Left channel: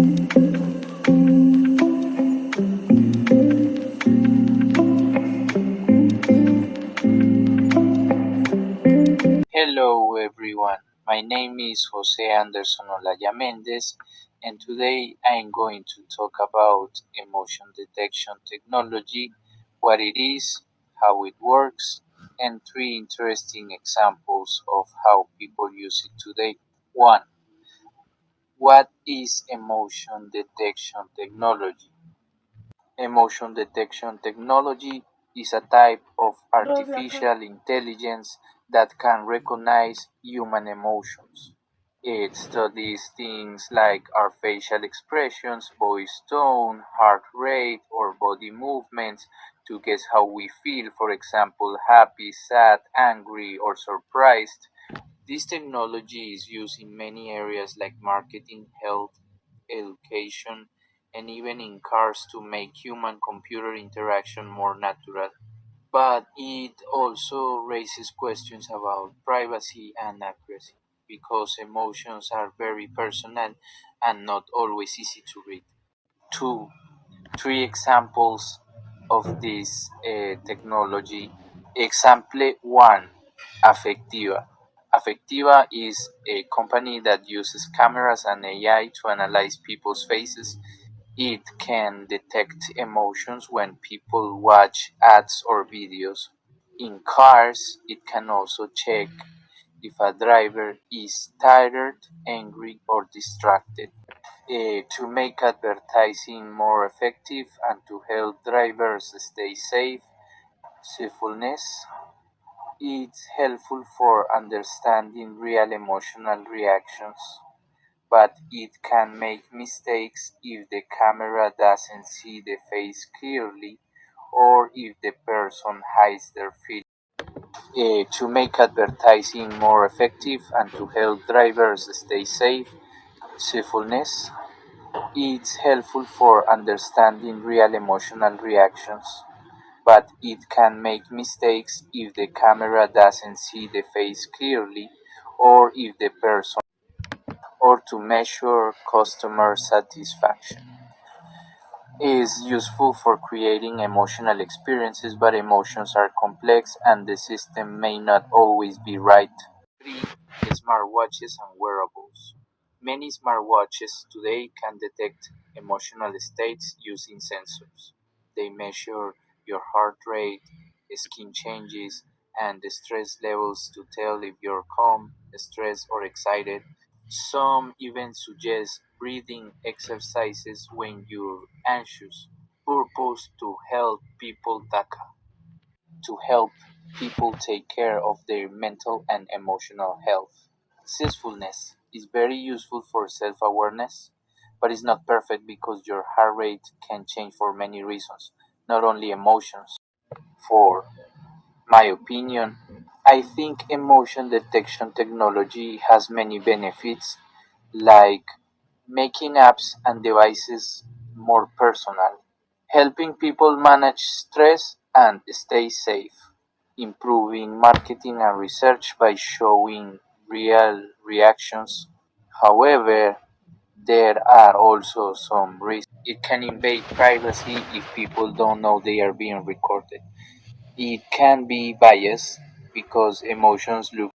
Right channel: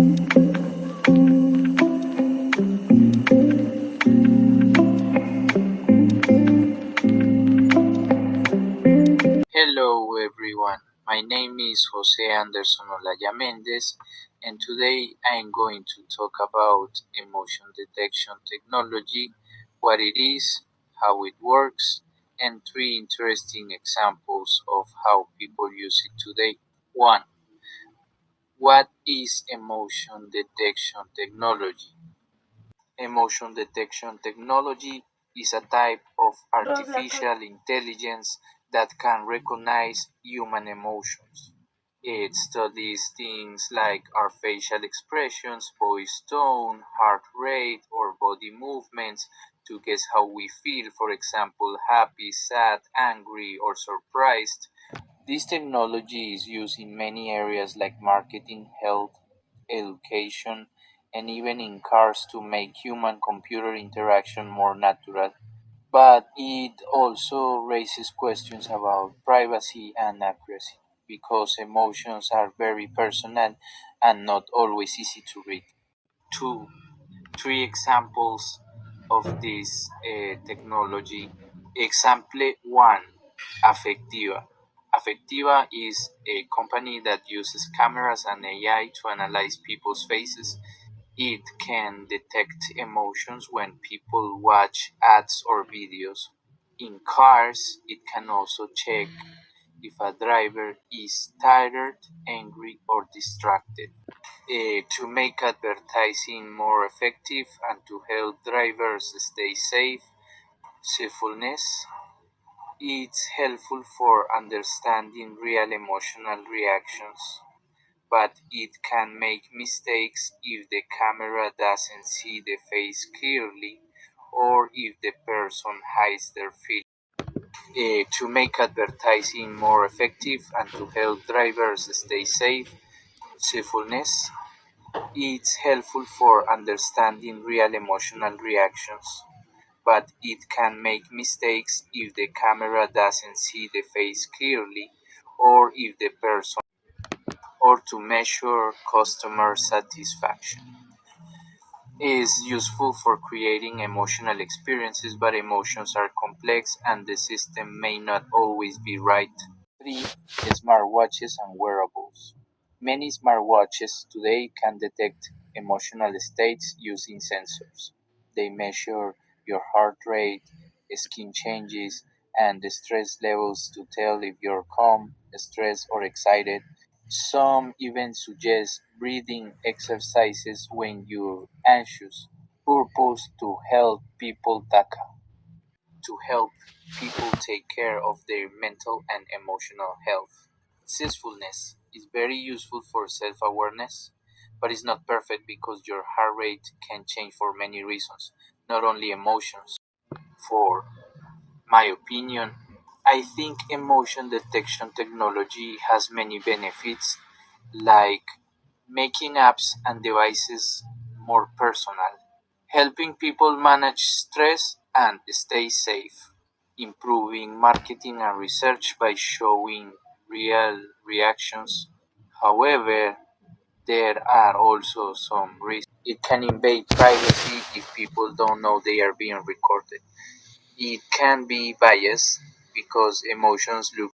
Hello everyone, my name is Jose Anderson Olaya Mendez, and today I am going to talk about emotion detection technology, what it is, how it works, and three interesting examples of how people use it today. 1. What is emotion detection technology? Emotion detection technology is a type of artificial intelligence that can recognize human emotions. It studies things like our facial expressions, voice tone, heart rate, or body movements to guess how we feel, for example, happy, sad, angry, or surprised. This technology is used in many areas like marketing, health, education, and even in cars to make human computer interaction more natural. But it also raises questions about privacy and accuracy because emotions are very personal and not always easy to read. Two, three examples of this technology. Example 1, Affectiva. Affectiva is a company that uses cameras and AI to analyze people's faces. It can detect emotions when people watch ads or videos. In cars, it can also check if a driver is tired, angry, or distracted. To make advertising more effective and to help drivers stay safe, Mindfulness is helpful for understanding real emotional reactions, but it can make mistakes if the camera doesn't see the face clearly or if the person hides their feelings. To make advertising more effective and to help drivers stay safe, mindfulness is helpful for understanding real emotional reactions, but it can make mistakes if the camera doesn't see the face clearly or if the person or to measure customer satisfaction is useful for creating emotional experiences, but emotions are complex and the system may not always be right. 3. Smartwatches and wearables. Many smartwatches today can detect emotional states using sensors. They measure your heart rate, skin changes, and the stress levels to tell if you're calm, stressed, or excited. Some even suggest breathing exercises when you're anxious. Purpose to help people take care of their mental and emotional health. Zestfulness is very useful for self-awareness, but is not perfect because your heart rate can change for many reasons, not only emotions. 4. My opinion, I think emotion detection technology has many benefits, like making apps and devices more personal, helping people manage stress and stay safe, improving marketing and research by showing real reactions. However, there are also some risks. It can invade privacy if people don't know they are being recorded. It can be biased because emotions look